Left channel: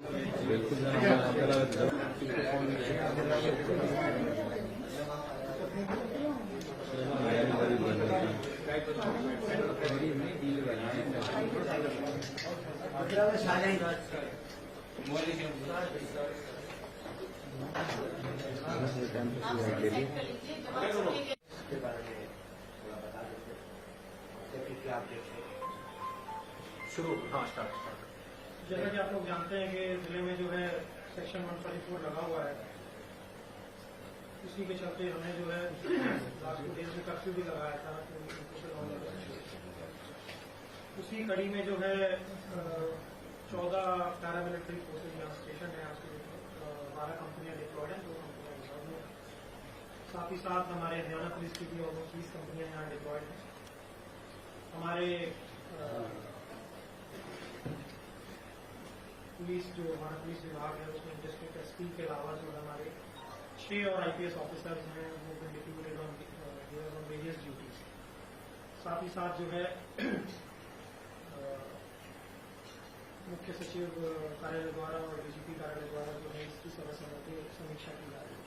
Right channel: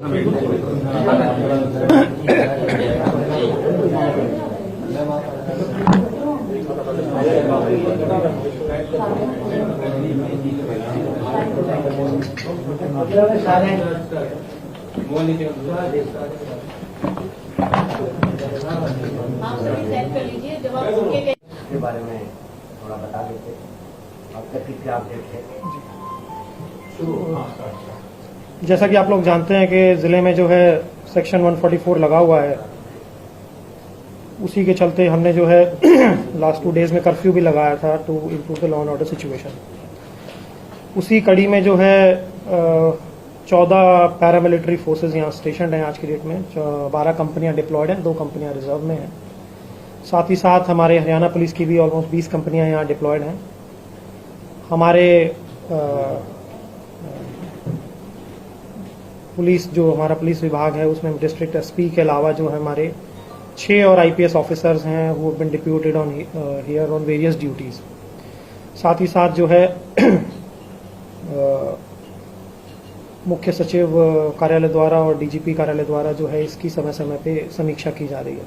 के बारे में थोड़ा बता देते अब तक की क्या अपडेट है। जैसा कि आप लोग जानते हैं कि जिले में जो है सेक्शन 144 लगा हुआ है, उसी के चलते हमने जो है लास्ट 2 डेज में कर्फ्यू भी लगाया था to improve the law and order situation. उसी कड़ी में जो है 14 पैरामिलिट्री फोर्सेस यहाँ स्टेशन हैं आज की डेट में। 12 कंपनियां डिप्लॉयड हैं, 2 कंपनियां रिजर्व में हैं। साथ ही साथ हमारे हरियाणा पुलिस की भी ऑलमोस्ट 20 कंपनियां यहाँ डिप्लॉयड हैं। हमारे पुलिस जो हमारा पुलिस विभाग है उसमें डिस्ट्रिक्ट एसपी के अलावा जो है हमारे 6 और आईपीएस ऑफिसर्स हैं who have been deputed on here on various duties. साथ ही साथ जो है मुख्य सचिव कार्यालय द्वारा और डीजीपी कार्यालय द्वारा जो है इसकी समय समय पे समीक्षा की जा रही है।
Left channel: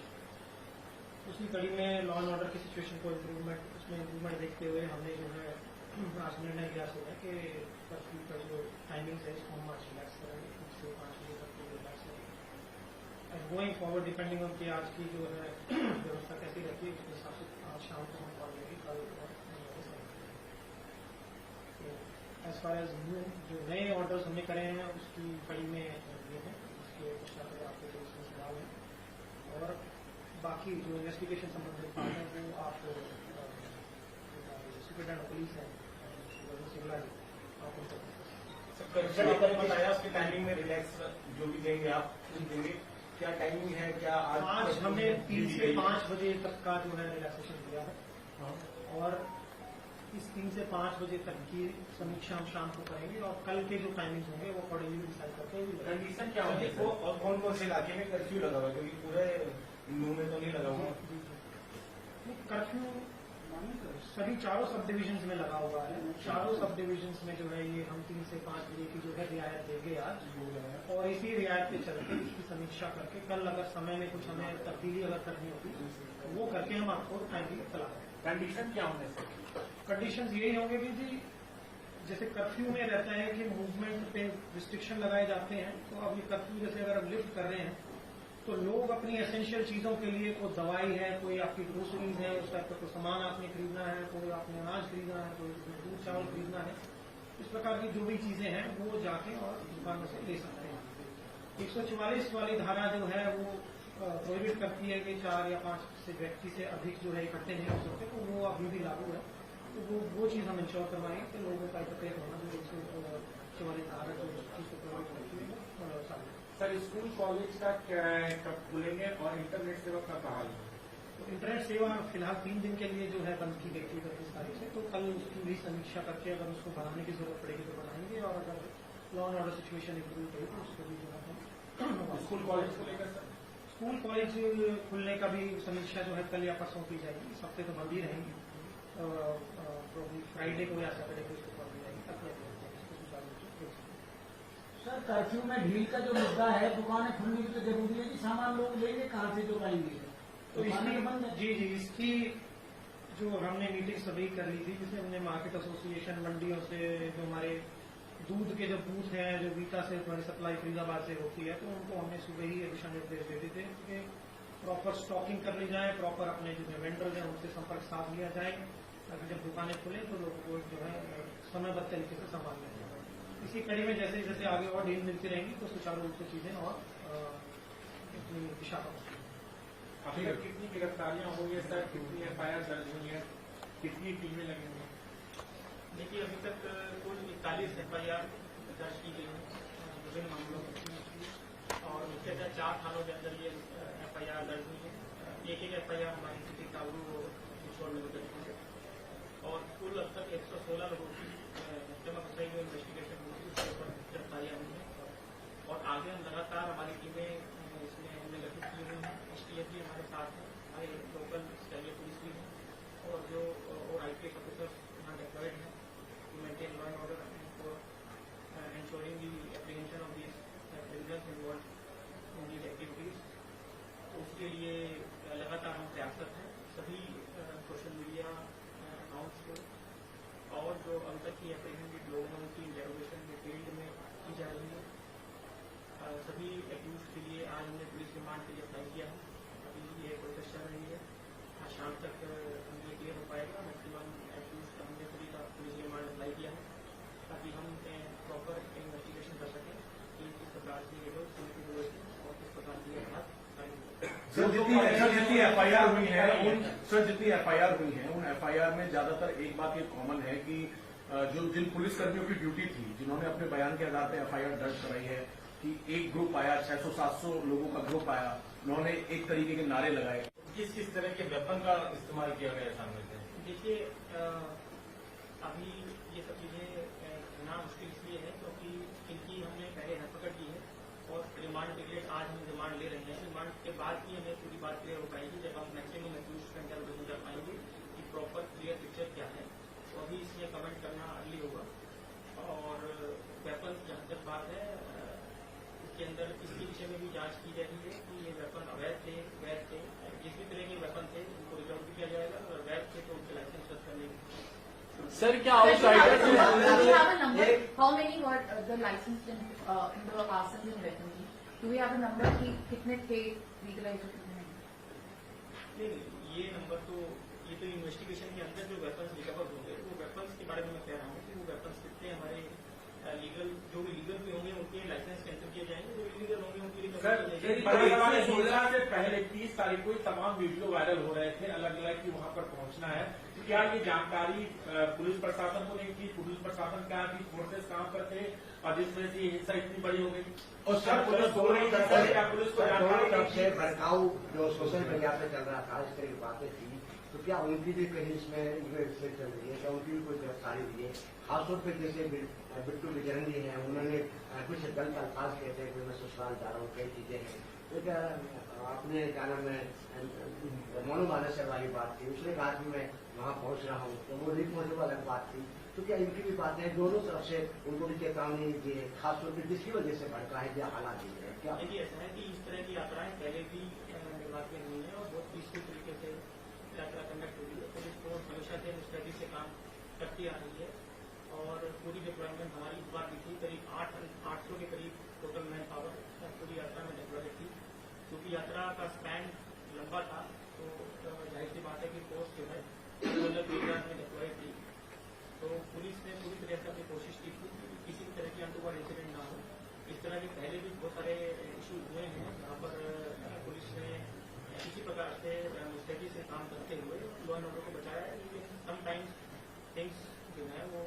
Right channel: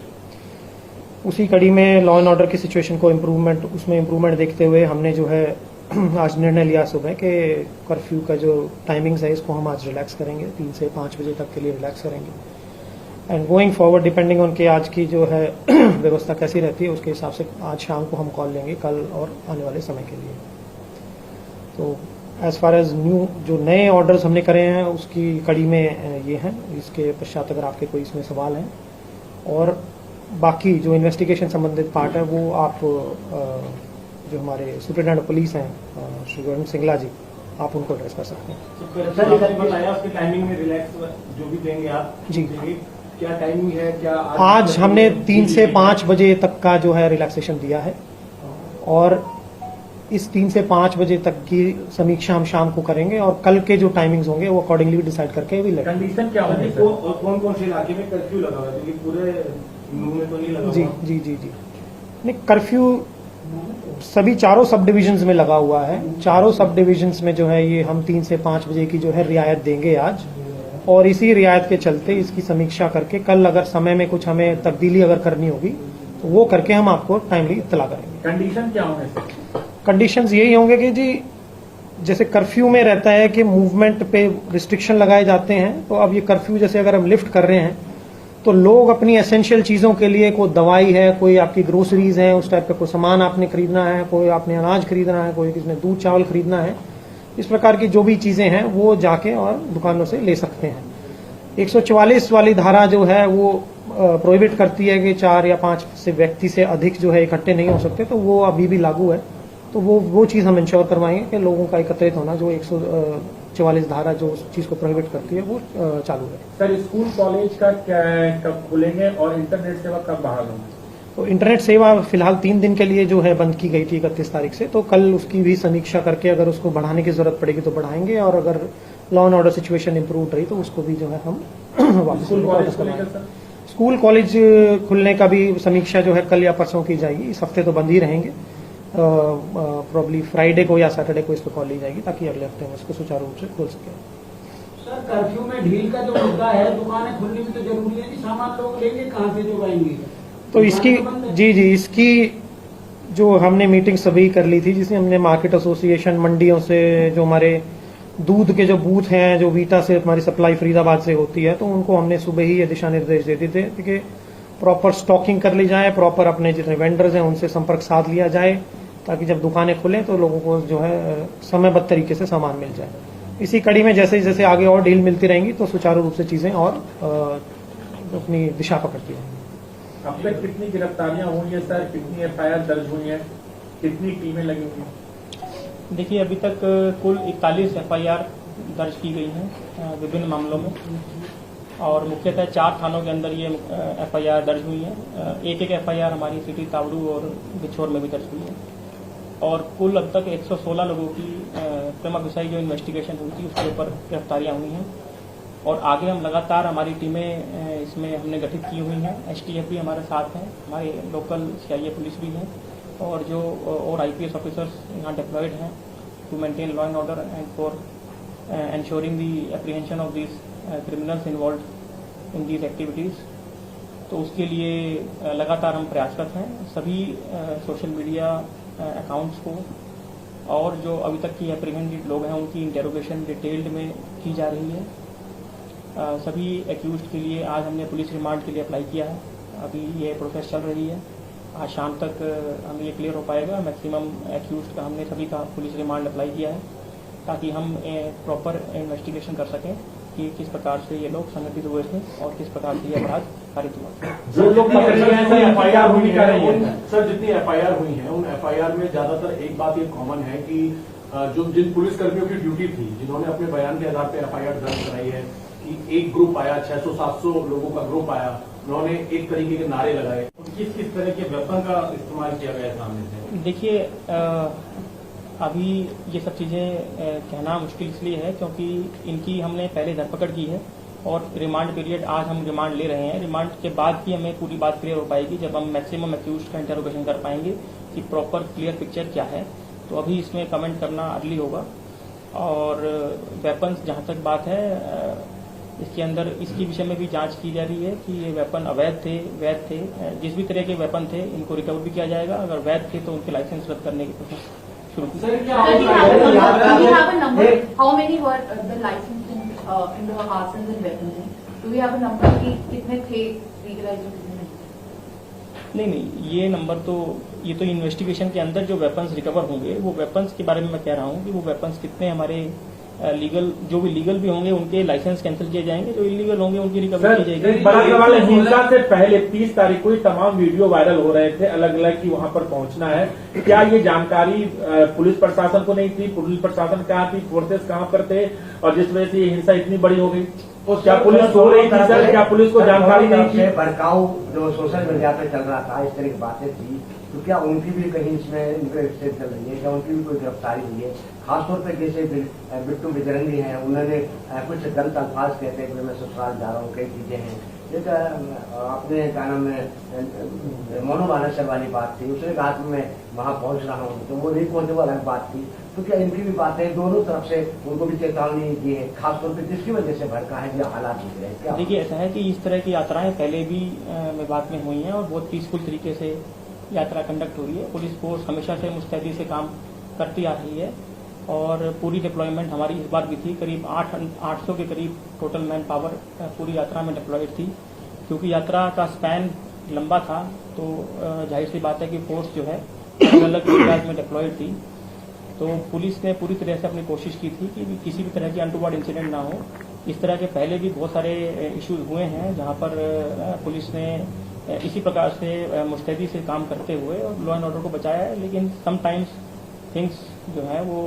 उसी कड़ी में लॉ एंड ऑर्डर की सिचुएशन को इम्प्रूवमेंट देखते हुए हमने जो है आज निर्णय लिया सुबह कि कर्फ्यू का जो टाइमिंग्स है इसको हम आज रिलैक्स करेंगे, 3 से 5 बजे तक के लिए रिलैक्स करेंगे। And going forward depending on के आज की जो है व्यवस्था कैसी रहती है उसके हिसाब से आज शाम को हम कॉल लेंगे कल और आने वाले समय के लिए। तो एज फार एज न्यू जो नए ऑर्डर्स हमने करे हैं उसकी कड़ी में ये हैं। इसके पश्चात अगर आपके कोई इसमें सवाल हैं और बाकी जो इन्वेस्टिगेशन संबंधित पार्ट है वो आप जो हमारे सुप्रिटेंडेंट पुलिस हैं श्री वरुण सिंगला जी, आप उनको एड्रेस कर सकते हैं। टाइमिंग में रिलैक्स जो भी देंगे आप जी, क्या टाइमिंग है? क्या आज हमने 3 से 5 बजे तक का जो है रिलैक्सेशन दिया है और इस 3 से 5 बजे तक की समीक्षा हम शाम को करेंगे और कल के जो टाइमिंग्स होंगे वो अकॉर्डिंगली डिसाइड करके भी लगेंगे। कंडीशन क्या होगी? कौन कौन से इलाके में कर्फ्यू लगा हुआ है? क्योंकि पूरे में तो नहीं लगा जी जी जी जी नहीं, कर्फ्यू सभी 4 सब डिविजन्स में लगा हुआ है। 4 सब डिविजन्स में जो है ये हम 3 से 5 बजे की जो है रियायत देंगे आज, और इसी रियायत के चलते इसकी समीक्षा करके कल अगर समय में कुछ हमें तब्दीली अगर करनी होगी तो वो करके हम आपको टाइमली इत्तला करेंगे। कंडीशन क्या होंगे? कंडीशंस यही होंगे कि जी जैसे कर्फ्यू में रहता है कि मूवमेंट पे रिस्ट्रिक्शन लगाए जाते हैं, तो अब ये कर्फ्यू जैसे अगर हम लिफ्ट कर रहे हैं तो लोग अपनी एसेंशियल चीज़ों के लिए, कोई दवाई है, कोई आपकी ग्रोसरीज है, उस टाइप का कोई सामान आपने खरीदना है, कोई आपने अनाज खरीदना है, कोई किसी ने दूध चावल खरीदना है, इस प्रकार की जो भी चीज़ें हैं वो जाके और दुकानों से ले सकते हैं। 144 वाली धारा जो है वो प्रोहिबिट करती है कि 4 या 5 से व्यक्ति से अधिक जो है इकट्ठे नहीं हो सकते, तो वो अभी भी लागू है। तो वो चीज़ हम इंश्योर करवाएंगे कि लोगों का एकत्रित होना, जो 144 धारा जो उस चीज़ को प्रोहिबिट करती है वो चालू है। सर, स्कूल कॉलेज का क्या कब खुलेंगे और इंटरनेट सेवा कब बहाल होगी? तो इंटरनेट सेवा फिलहाल 3 दिन के लिए जो है बंद की गई थी 31 तारीख से, तो कल उसकी भी समीक्षा करके अगर उसको बढ़ाने की जरूरत पड़ेगी तो बढ़ाएंगे, और अगर law and order situation improve रही तो उसको भी जो है हम वापस करवाएंगे। स्कूल कॉलेज खुलने का भी समीक्षा जो है कल या परसों की जाएगी। इस हफ्ते तो बंद ही रहेंगे, प्रॉब्ली फ्राइडे को या सैटरडे को इस पर कॉल ली जाएगी ताकि अगले हफ्ते में इसको सुचारू रूप से खोल सके। सर, कर्फ्यू में ढील का जो मुद्दा है, दुकानें खुलनी भी तो जरूरी है कि सामान लोग लेंगे कहाँ से जुगाएंगे? तो इसकी जी इसकी जो हमने मीटिंग सभी कर ली थी, जिसमें हमने मार्केट एसोसिएशन, मंडियों से, जो हमारे दूध के जो बूथ हैं, जो वीटा से हमारी सप्लाई फरीदाबाद से होती है, तो उनको हमने सुबह ही ये दिशा निर्देश दे दिए थे कि प्रॉपर स्टॉकिंग कर ली जाए, प्रॉपर अपने जितने वेंडर्स हैं उनसे संपर्क साध लिया जाए, ताकि जब दुकानें खुलें तो लोगों को जो है समयबद्ध तरीके से सामान मिल जाए। इसी कड़ी में जैसे जैसे आगे और ढील मिलती रहेंगी तो सुचारू रूप से चीजें और अपनी दिशा पकड़ती रहेंगी। अब तक कितनी गिरफ्तारियां हुई है सर? कितनी एफआईआर दर्ज हुई है? कितनी टीमें लगी हुई हैं? देखिए, अभी तक कुल 41 एफआईआर दर्ज की गई हैं विभिन्न मामलों में, और मुख्यतः 4 थानों के अंदर ये एफआईआर दर्ज हुई है। एक एफआईआर हमारी सिटी तावड़ू और बिछोर में भी दर्ज हुई है, और कुल अब तक 116 लोगों की क्रम विषय जो इन्वेस्टिगेशन हुई थी उसके ऊपर गिरफ्तारियां हुई हैं, और आगे हम लगातार हमारी टीमें इसमें हमने गठित की हुई हैं। एसटीएफ भी हमारे साथ हैं, हमारे लोकल सीआईए पुलिस भी हैं, और जो और आईपीएस ऑफिसर्स यहाँ डिप्लॉयड हैं to maintain law and order and for ensuring the apprehension of these criminals involved in these activities. तो उसके लिए लगातार हम प्रयासरत हैं। सभी सोशल मीडिया अकाउंट्स को और जो अभी तक की एप्रीहेंडेड लोग हैं उनकी इंटेरोगेशन डिटेल्ड में की जा रही है। सभी एक्यूज्ड के लिए आज हमने पुलिस रिमांड के लिए अप्लाई किया है। अभी ये प्रोसेस चल रही है। आज शाम तक हमें ये क्लियर हो पाएगा। मैक्सिमम एक्यूज्ड का हमने सभी का पुलिस रिमांड अप्लाई किया है ताकि हम प्रॉपर इन्वेस्टिगेशन कर सकें कि किस प्रकार से ये लोग संगठित हुए थे और किस प्रकार से ये अपराध कारित हुआ। जो लोग एफआईआर हुई है सर, जितनी एफआईआर हुई है उन एफआईआर में ज्यादातर एक बात ये कॉमन है कि जो जिन पुलिस कर्मियों की ड्यूटी थी, जिन्होंने अपने बयान के आधार पर एफआईआर दर्ज कराई है कि एक ग्रुप आया, 600-700 लोगों का ग्रुप आया, उन्होंने एक तरीके के नारे लगाए। किस किस तरह के वेपन का इस्तेमाल किया गया सामने से? देखिए, अभी ये सब चीज़ें कहना मुश्किल इसलिए है क्योंकि इनकी हमने पहले धरपकड़ की है और रिमांड पीरियड आज हम रिमांड ले रहे हैं। रिमांड के बाद ही हमें पूरी बात क्लियर हो पाएगी जब हम मैक्सिमम एक्यूज्ड का इंटरोगेशन कर पाएंगे कि प्रॉपर क्लियर पिक्चर क्या है। तो अभी इसमें कमेंट करना अर्ली होगा। और वेपन्स जहाँ तक बात है, इसके अंदर इसके विषय में भी जांच की जा रही है कि ये वेपन अवैध थे, वैध थे। जिस भी तरह के वेपन थे इनको रिकवर भी किया जाएगा। अगर वैध थे तो उनके लाइसेंस रद्द करने की प्रोसेस शुरू की। Sir, do you have a number? How many were the licensed in the arsenals and weapons? Do we have a number कि कितने थे legalized और कितने नहीं? नहीं, ये नंबर तो ये तो इन्वेस्टिगेशन के अंदर जो वेपन्स रिकवर होंगे वो वेपन्स के बारे में मैं कह रहा हूँ कि वो वेपन्स कितने हमारे लीगल, जो भी लीगल भी होंगे उनके लाइसेंस कैंसिल किए जाएंगे, जो इलीगल होंगे उनकी रिकवरी की जाएगी। बड़ा सवाल है, हिंसा से पहले 30 तारीख को ही तमाम वीडियो वायरल हो रहे थे अलग अलग कि वहां पर पहुंचना है। क्या ये जानकारी पुलिस प्रशासन को नहीं थी? पुलिस प्रशासन कहाँ थी? फोर्सेस कहाँ पर थे? और जिस वजह से ये हिंसा इतनी बड़ी हो गई, तो क्या पुलिस सो रही थी सर? क्या पुलिस को जानकारी नहीं थी? भड़काऊ जो सोशल मीडिया पे चल रहा था, इस तरह की बातें थी, तो क्या उनकी भी कहीं इसमें इन्वेस्टिगेशन चल रही है? क्या उनकी भी कोई गिरफ्तारी हुई है? खासतौर पे जैसे बिट्टू बजरंगी हैं, उन्होंने कुछ गलत अल्फाज कहते हैं कि मैं ससुराल जा रहा हूँ, कई चीजें हैं। एक अपने क्या नाम है मोनो मानसर वाली बात थी, उसने कहा कि मैं वहाँ पहुँच रहा हूँ, तो वो नहीं पहुँचे, वो अलग बात थी। तो क्या इनकी भी बातें दोनों तरफ से उनको भी चेतावनी दी है, खासतौर पर जिसकी वजह से भड़का है जो हालात दिख रहे हैं? क्या देखिए, ऐसा है कि इस तरह की यात्राएं पहले भी विभाग में हुई हैं और बहुत पीसफुल तरीके से यात्रा कंडक्ट हो रही है। पुलिस फोर्स हमेशा से मुस्तैदी से काम करती आ रही है और पूरी डिप्लॉयमेंट हमारी इस बार भी थी। करीब 800 के करीब टोटल मैन पावर पूरी यात्रा में डिप्लॉयड थी। क्योंकि यात्रा का स्पैन लंबा था तो जाहिर सी बात है कि फोर्स जो है अलग अलग एरियाज में डिप्लॉयड थी। तो पुलिस ने पूरी तरह से अपनी कोशिश की थी कि किसी भी तरह की अनटूवर्ड इंसिडेंट ना हो। इस तरह के पहले भी बहुत सारे इश्यूज हुए हैं जहां पर पुलिस ने इसी प्रकार से मुस्तैदी से काम करते हुए और लॉ एंड ऑर्डर को बचाया है। लेकिन समटाइम्स थिंग्स जो है वो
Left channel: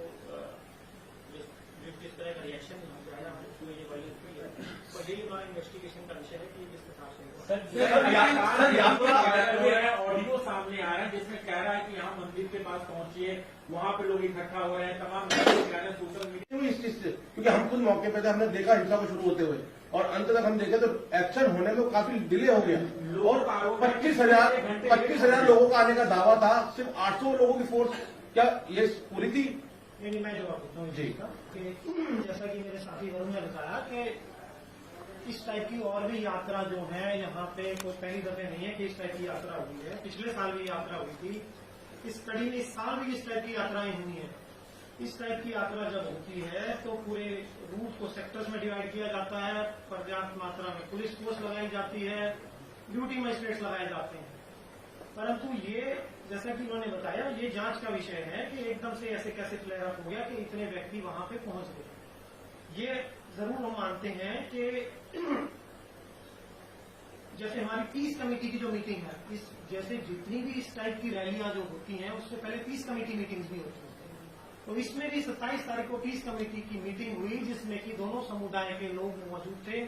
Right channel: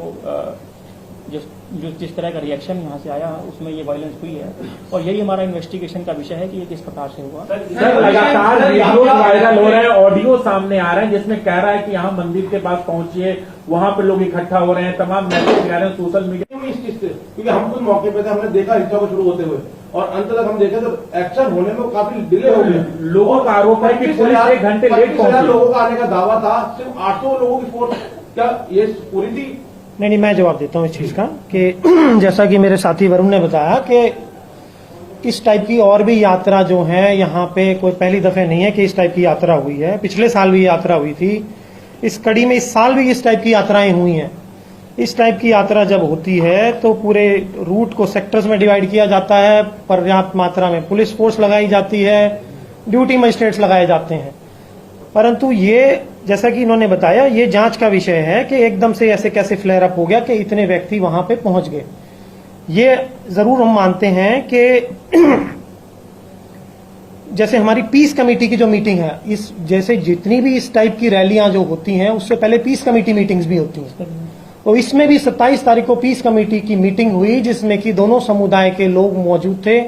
जिस तरह का रिएक्शन यहाँ से आया उसमें ये वायलेंस हुई है और यही हमारा इन्वेस्टिगेशन का विषय है कि ये किस प्रकार से हुआ। सर, लगातार वीडियो वायरल हो रहे हैं, ऑडियो सामने आ रहे हैं जिसमें कह रहा है कि यहाँ मंदिर के पास पहुंचिए, वहां पर लोग इकट्ठा हो रहे हैं, तमाम मैसेज आ रहे हैं सोशल मीडिया में। इस चीज से क्योंकि हम तो मौके पे थे, हमने देखा हिंसा को शुरू होते हुए और अंत तक हम देखे तो एक्शन होने में काफी डिले हो गया। लोगों का आरोप है कि पुलिस 1 घंटे लेट पहुंची। लोगों का आने का दावा था, सिर्फ 800 लोगों की फोर्स, क्या ये पूरी थी? नहीं, मैं जवाब देता हूँ इस चीज का कि जैसा कि मेरे साथी वरुण ने बताया कि इस टाइप की और भी यात्रा जो है यहाँ पे कोई पहली दफे नहीं है कि इस टाइप की यात्रा हुई है। पिछले साल भी यात्रा हुई थी, इस कड़ी में इस साल भी इस टाइप की यात्राएं हुई हैं। इस टाइप की यात्रा जब होती है तो पूरे रूट को सेक्टर्स में डिवाइड किया जाता है, पर्याप्त मात्रा में पुलिस फोर्स लगाई जाती है, ड्यूटी मजिस्ट्रेट्स लगाए जाते हैं। परंतु ये जैसा कि इन्होंने बताया, ये जांच का विषय है कि एकदम से ऐसे कैसे फ्लेयर अप हो गया कि इतने व्यक्ति वहां पे पहुंच गए। ये जरूर हम मानते हैं कि जैसे हमारी पीस कमेटी की जो मीटिंग है, इस जैसे जितनी भी इस टाइप की रैलियां जो होती हैं उससे पहले पीस कमेटी मीटिंग्स भी होती हैं। तो इसमें भी 27 तारीख को पीस कमेटी की मीटिंग हुई जिसमें कि दोनों समुदाय के लोग मौजूद थे।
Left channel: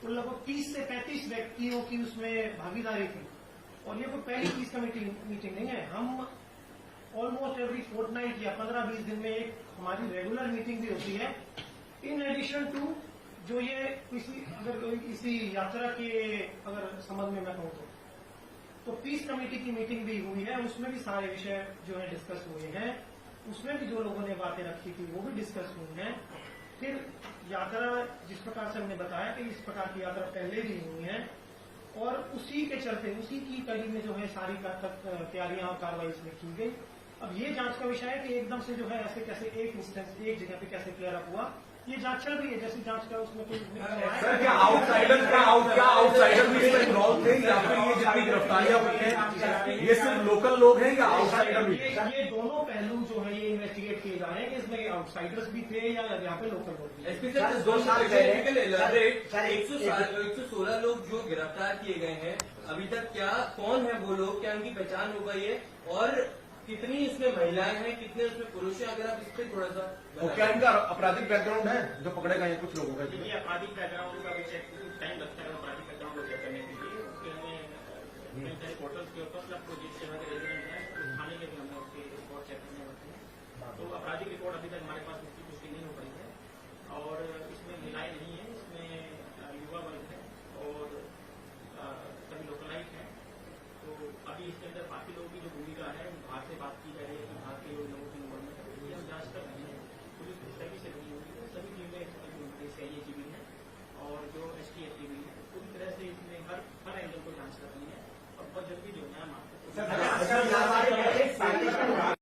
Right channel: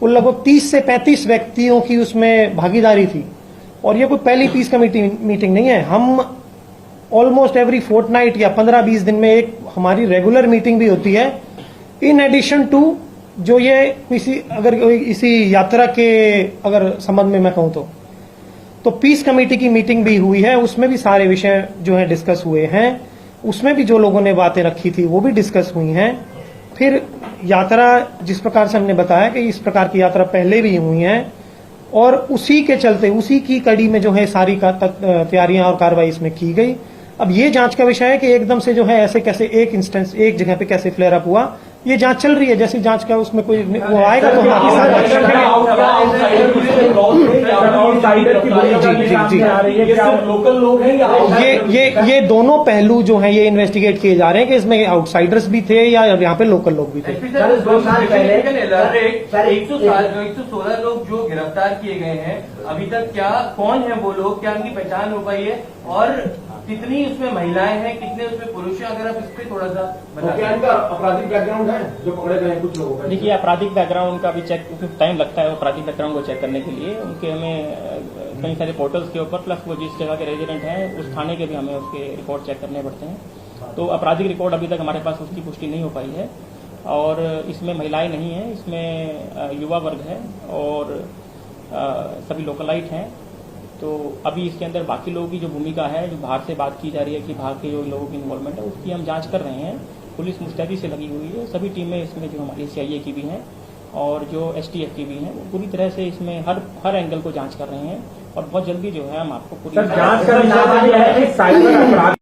कुल लगभग 30 से 35 व्यक्तियों की उसमें भागीदारी थी और ये कोई पहली पीस कमेटी मीटिंग नहीं है। हम ऑलमोस्ट एवरी फोर्टनाइट या 15-20 दिन में एक हमारी रेगुलर मीटिंग भी होती है। इन एडिशन टू जो ये इसी यात्रा के अगर संबंध में मैं कहूं तो पीस कमेटी की मीटिंग भी हुई है, उसमें भी सारे विषय जो है डिस्कस हुए हैं। उसमें भी जो लोगों ने बातें रखी थी वो भी डिस्कस हुई हैं फिर यात्रा जिस प्रकार से हमने बताया कि इस प्रकार की यात्रा पहले भी हुई है और उसी के चलते उसी की कड़ी में जो है सारी तैयारियां और कार्रवाई इसमें की गई। अब ये जांच का विषय है कि एकदम से जो है ऐसे कैसे एक इंस्टेंस एक जगह पे कैसे फ्लेयर अप हुआ, ये जांच चल रही है। जैसी जांच का उसमें कोई वो आएगा तो आउटसाइडर की बड़ी बातें सामने आ रही है। क्या लोकल लोग हैं या ये दोनों पहलू जो हैं ये इन्वेस्टिगेट किए जा रहे हैं कि इसमें आउटसाइडर्स भी थे या यहाँ पे लोकल लोग भी थे। सर, 2 साल पहले 116 लोग जो गिरफ्तार किए गए हैं, अभी तक क्या कौन है वो लोग, क्या उनकी पहचान हो पाई है और कितनी उसमें महिलाएं हैं, कितने उसमें पुरुष हैं, अगर आप इस पे थोड़ा सा बता क्या इनका आपराधिक बैकग्राउंड है जो पकड़े गए हैं कुछ लोगों का? देखिए, आपराधिक बैकग्राउंड का भी चेक टाइम लगता है, आपराधिक बैकग्राउंड को चेक करने के लिए उनके हमें कई सारे पोर्टल्स के ऊपर प्लस वो जिस जगह के रेजिडेंट हैं उस थाने के भी हमें उसके रिकॉर्ड चेक करने पड़ते हैं। तो आपराधिक रिकॉर्ड अभी तक हमारे पास उसकी पुष्टि नहीं हो पाई है और इसमें महिलाएं नहीं हैं, इसमें युवा वर्ग है और सभी लोकलाइट हैं। तो अभी इसके अंदर बाकी लोगों की जो भूमिका है, जो बाहर से बात की जा रही है कि बाहर के जो लोगों की इन्वॉल्वमेंट है उसकी हम जांच कर रहे हैं। पुलिस मुस्तैदी से लगी हुई है, सभी टीमें इसमें जो हमारी CIA की भी हैं और जो STF की भी हैं वो पूरी तरह से इसमें हर एंगल को जांच कर रहे हैं और बहुत जल्दी जो है हम आपको पूरी जांच का विषय है कि साइबर अपराध